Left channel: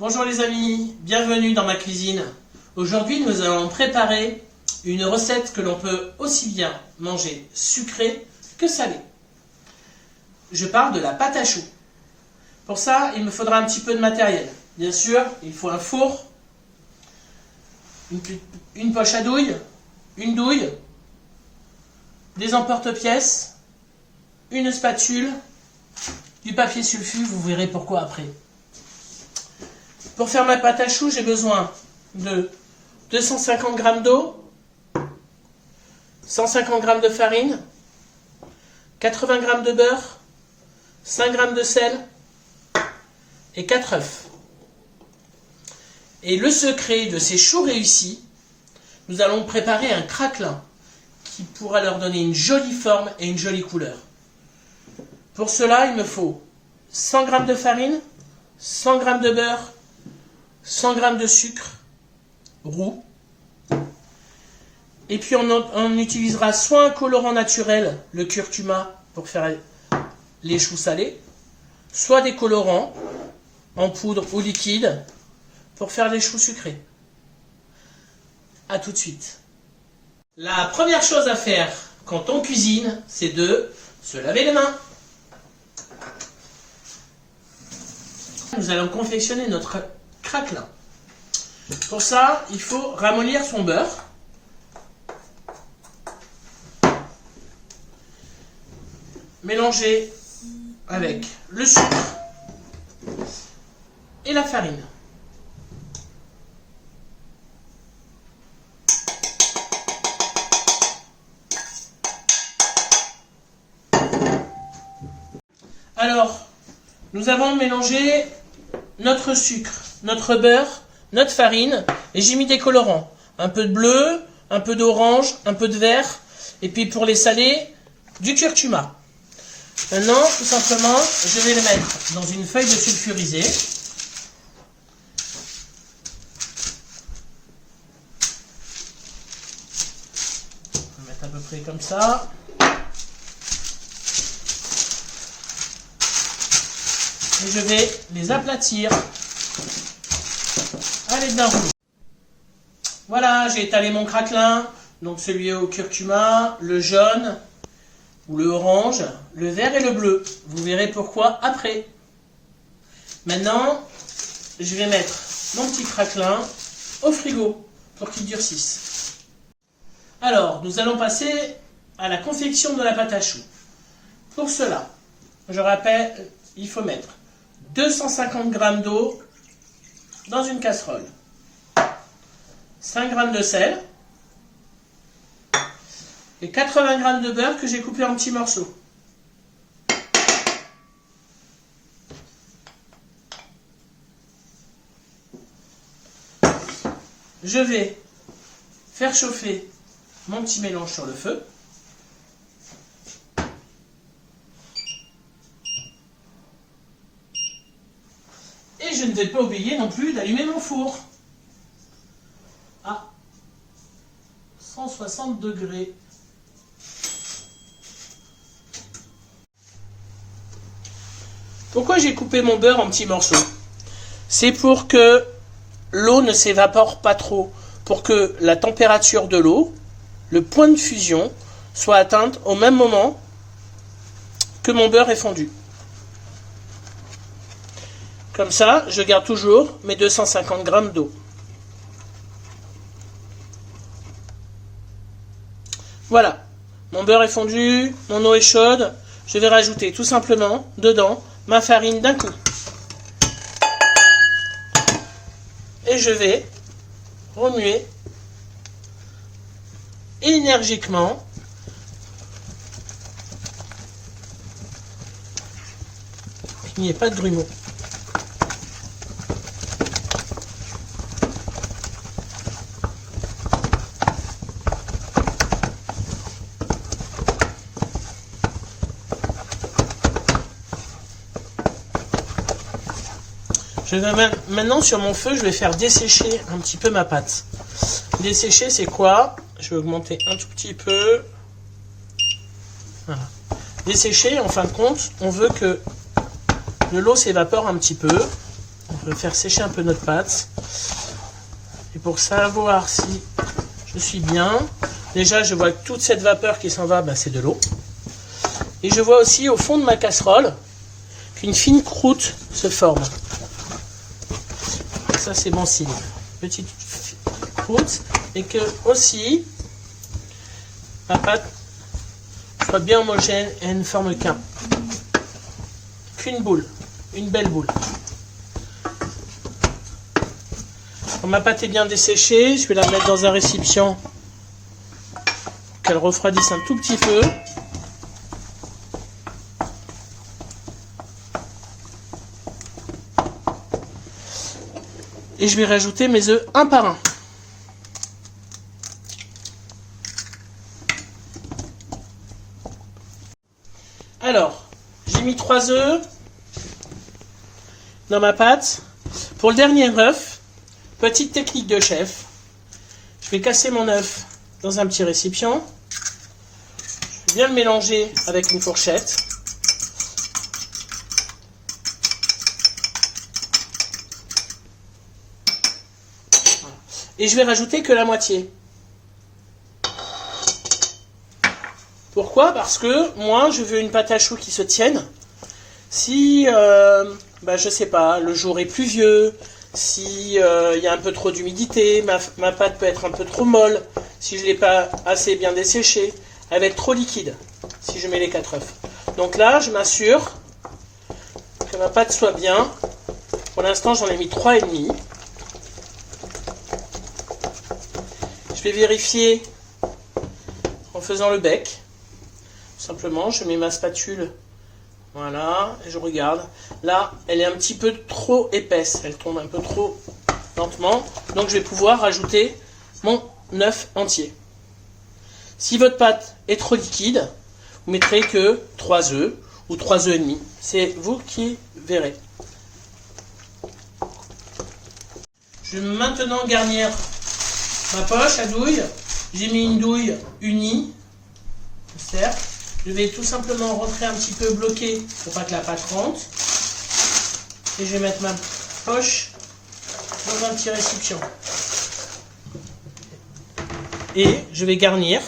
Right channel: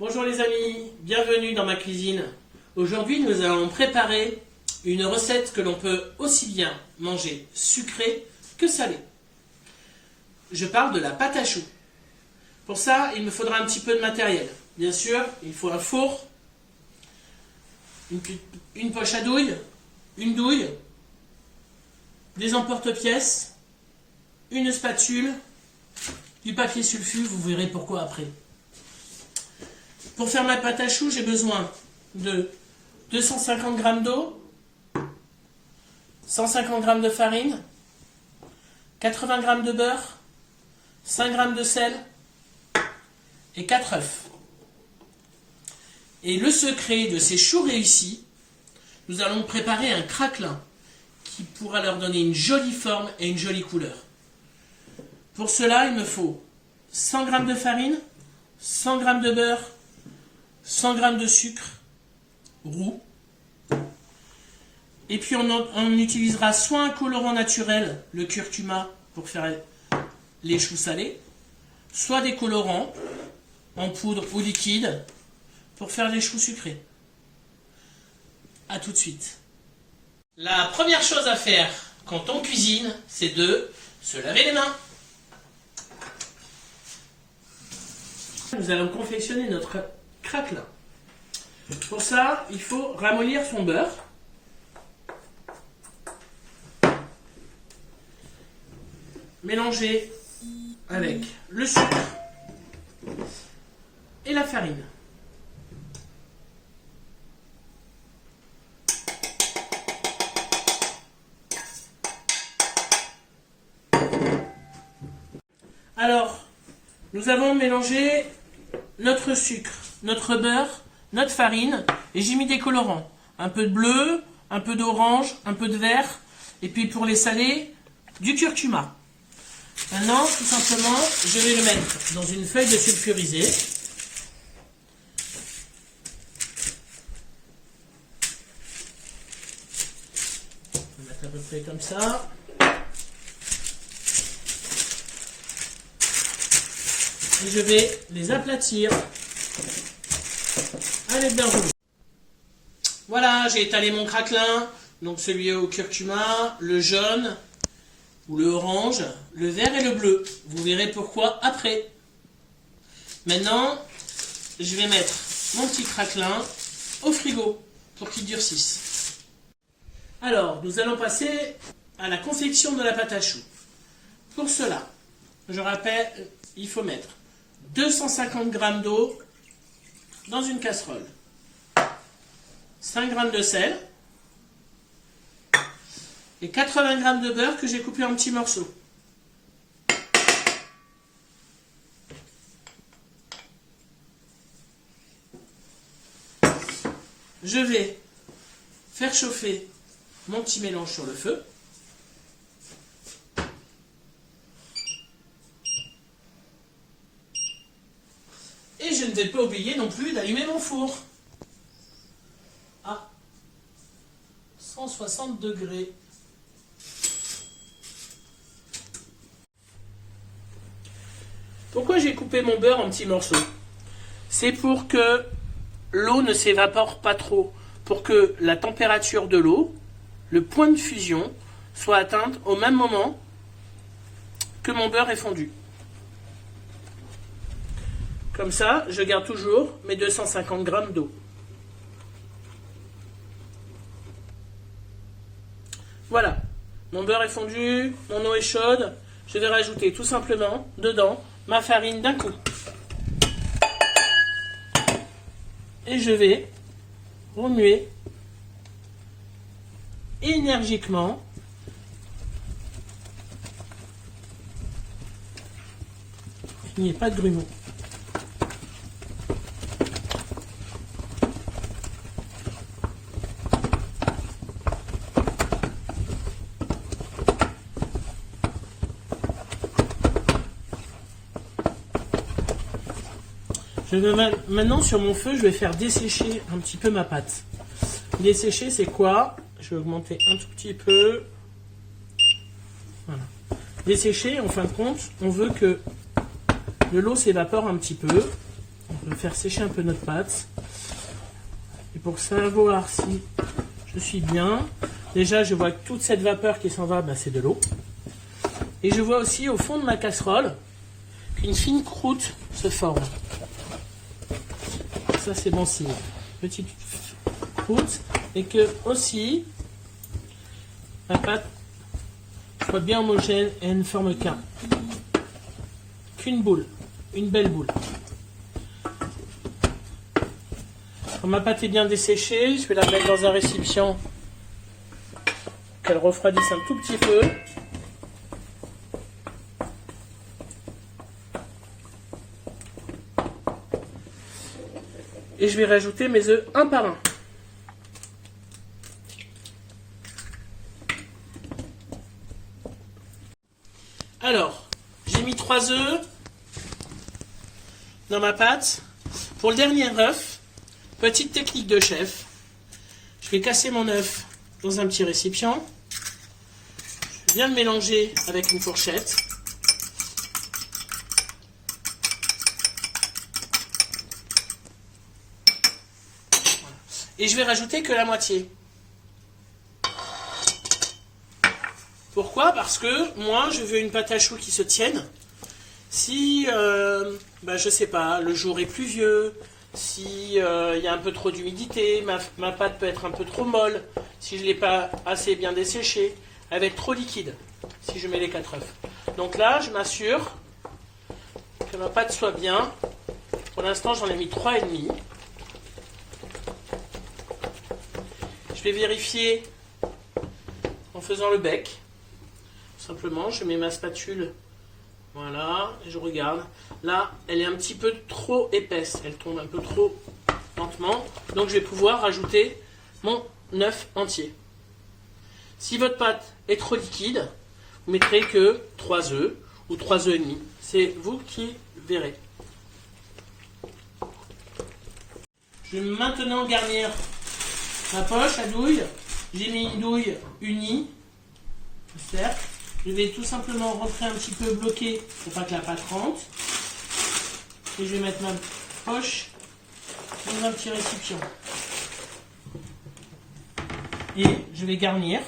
Bonjour les amis, bienvenue dans ma cuisine. Aujourd'hui nous allons préparer une recette que l'on peut aussi bien manger sucrée que salée. Je parle de la pâte à choux. Pour ça, il me faudra un petit peu de matériel. Bien sûr, il faut un four, une poche à douille, une douille, des emporte-pièces, une spatule, du papier sulfu, vous verrez pourquoi après. Pour faire ma pâte à choux, j'ai besoin de 250 g d'eau, 150 g de farine, 80 g de beurre, 5 g de sel et 4 œufs. Et le secret de ces choux réussis, nous allons préparer un craquelin qui pourra leur donner une jolie forme et une jolie couleur. Pour cela, il me faut 100 g de farine, 100 g de beurre, 100 g de sucre roux. Et puis on utilisera soit un colorant naturel, le curcuma, pour faire les choux salés, soit des colorants en poudre ou liquide pour faire les choux sucrés. A tout de suite. La première chose à faire quand on cuisine, c'est de se laver les mains. Nous allons confectionner notre craquelin. Pour ça, il faut ramollir son beurre. Mélanger avec le sucre et la farine. Alors, nous avons mélangé notre sucre, notre beurre, notre farine, et j'ai mis des colorants. Un peu de bleu, un peu d'orange, un peu de vert, et puis pour les salés, du curcuma. Maintenant, tout simplement, je vais les mettre dans une feuille de sulfurisé. On peut mettre à peu près comme ça. Et je vais les aplatir à l'aide d'un rouleau. Voilà, j'ai étalé mon craquelin, donc celui au curcuma, le jaune ou le orange, le vert et le bleu. Vous verrez pourquoi après. Maintenant, je vais mettre mon petit craquelin au frigo pour qu'il durcisse. Alors, nous allons passer à la confection de la pâte à choux. Pour cela, je rappelle, il faut mettre 250 g d'eau dans une casserole, 5 g de sel et 80 g de beurre que j'ai coupé en petits morceaux. Je vais faire chauffer mon petit mélange sur le feu. Et je ne vais pas oublier non plus d'allumer mon four à 160 degrés. Pourquoi j'ai coupé mon beurre en petits morceaux? C'est pour que l'eau ne s'évapore pas trop, pour que la température de l'eau, le point de fusion, soit atteinte au même moment que mon beurre est fondu. Comme ça, je garde toujours mes 250 g d'eau. Voilà, mon beurre est fondu, mon eau est chaude. Je vais rajouter tout simplement dedans ma farine d'un coup. Et je vais remuer énergiquement qu'il n'y ait pas de grumeaux. Je vais maintenant sur mon feu, je vais faire dessécher un petit peu ma pâte. Dessécher, c'est quoi? Je vais augmenter un tout petit peu. Voilà. Dessécher, en fin de compte, on veut que de l'eau s'évapore un petit peu. On peut faire sécher un peu notre pâte. Et pour savoir si je suis bien, déjà je vois que toute cette vapeur qui s'en va, bah, c'est de l'eau. Et je vois aussi au fond de ma casserole qu'une fine croûte se forme. Ça c'est bon signe. Petite croûte. Et que aussi ma pâte soit bien homogène et ne forme qu'une boule. Une belle boule. Quand ma pâte est bien desséchée, je vais la mettre dans un récipient, qu'elle refroidisse un tout petit peu. Et je vais rajouter mes œufs un par un. Alors, j'ai mis 3 œufs dans ma pâte. Pour le dernier œuf, petite technique de chef, je vais casser mon œuf dans un petit récipient. Je vais bien le mélanger avec une fourchette. Et je vais rajouter que la moitié. Pourquoi? Parce que moi, je veux une pâte à choux qui se tienne. Si, je sais pas, le jour est pluvieux, si y a un peu trop d'humidité, ma pâte peut être un peu trop molle, si je ne l'ai pas assez bien desséchée, elle va être trop liquide, si je mets les 4 œufs. Donc là, je m'assure que ma pâte soit bien. Pour l'instant, j'en ai mis 3,5. Je vais vérifier en faisant le bec. Simplement, je mets ma spatule, voilà, et je regarde. Là, elle est un petit peu trop épaisse, elle tombe un peu trop lentement. Donc, je vais pouvoir rajouter mon œuf entier. Si votre pâte est trop liquide, vous mettrez que 3 œufs ou 3 œufs et demi. C'est vous qui verrez. Je vais maintenant garnir ma poche à douille. J'ai mis une douille unie, cercle. Je vais tout simplement rentrer un petit peu bloqué pour pas que la pâte rentre. Et je vais mettre ma poche dans un petit récipient. Et je vais garnir.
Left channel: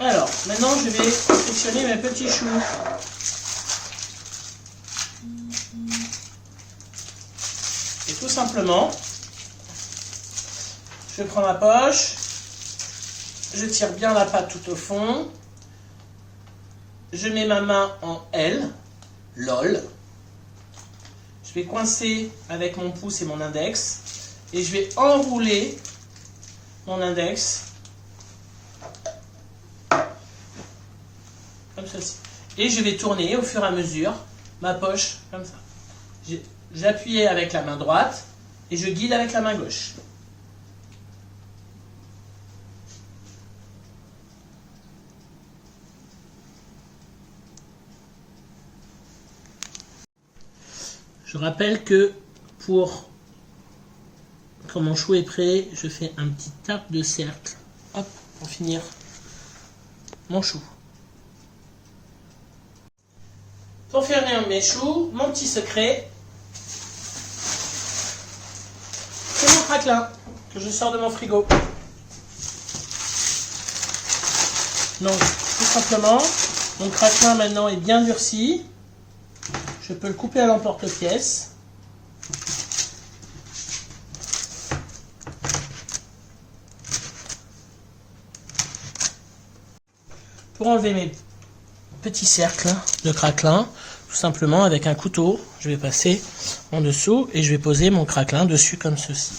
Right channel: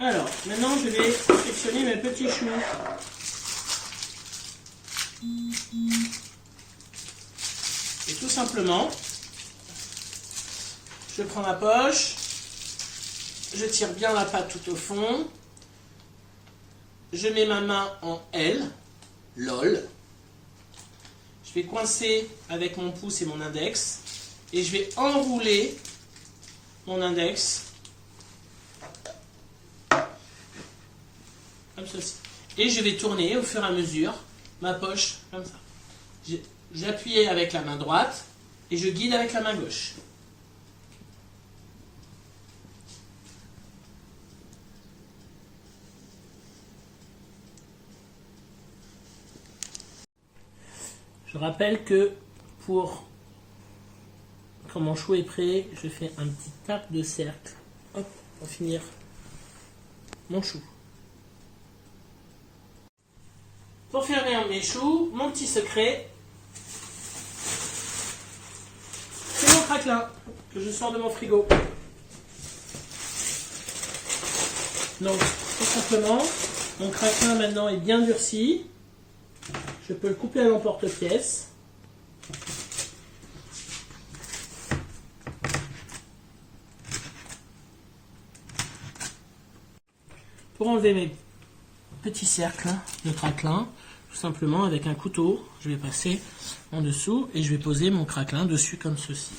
Alors, maintenant je vais sélectionner mes petits choux. Et tout simplement, je prends ma poche, je tire bien la pâte tout au fond, je mets ma main en L, LOL, je vais coincer avec mon pouce et mon index, et je vais enrouler mon index, comme ceci. Et je vais tourner au fur et à mesure ma poche, comme ça. J'appuie avec la main droite et je guide avec la main gauche. Je rappelle que quand mon chou est prêt, je fais un petit tape de cercle, hop, pour finir mon chou. Pour finir mes choux, mon petit secret, c'est mon craquelin que je sors de mon frigo. Donc, tout simplement, mon craquelin maintenant est bien durci. Je peux le couper à l'emporte-pièce. Pour enlever mes petits cercles de craquelin, tout simplement avec un couteau, je vais passer en dessous et je vais poser mon craquelin dessus comme ceci.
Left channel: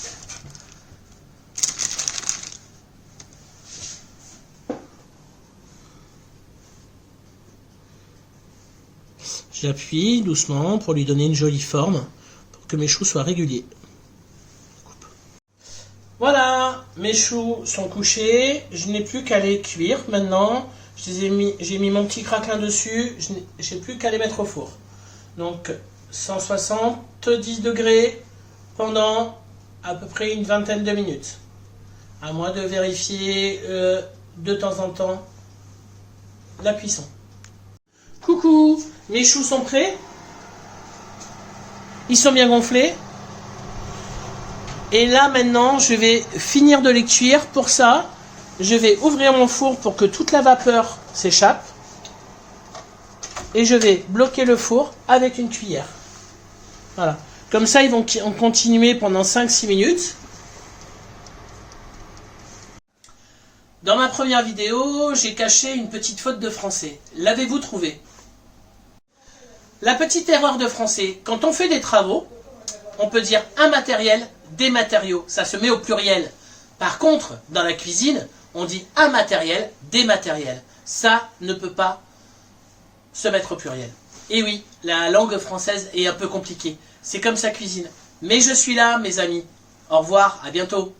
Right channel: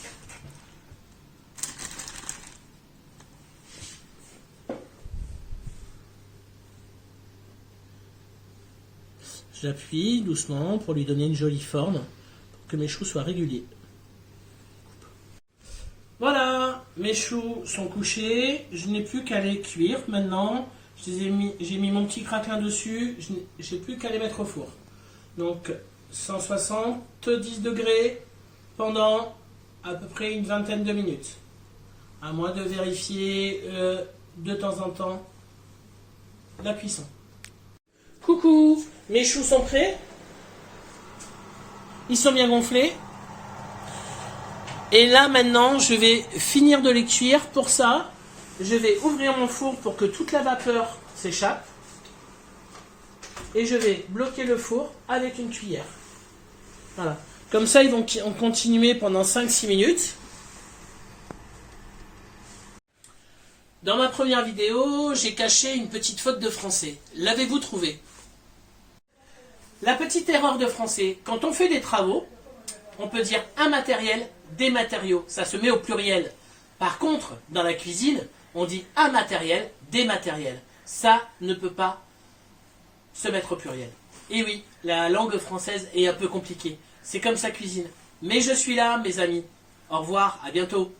J'appuie doucement pour lui donner une jolie forme, pour que mes choux soient réguliers. Voilà, mes choux sont couchés, je n'ai plus qu'à les cuire maintenant. J'ai mis mon petit craquelin dessus, je n'ai plus qu'à les mettre au four. Donc 170 degrés pendant à peu près une vingtaine de minutes. À moi de vérifier de temps en temps la cuisson. Coucou, mes choux sont prêts? Ils sont bien gonflés. Et là maintenant, je vais finir de les cuire. Pour ça, je vais ouvrir mon four pour que toute la vapeur s'échappe. Et je vais bloquer le four avec une cuillère. Voilà. Comme ça, ils vont continuer pendant 5-6 minutes. Dans ma première vidéo, j'ai caché une petite faute de français. L'avez-vous trouvée? La petite erreur de français, quand on fait des travaux, on peut dire un matériel, des matériaux. Ça se met au pluriel. Par contre, dans la cuisine, on dit un matériel, des matériels. Ça ne peut pas se mettre au pluriel. Et oui, la langue française est un peu compliquée. C'est comme ça cuisine. Mais je suis là, mes amis. Au revoir, à bientôt.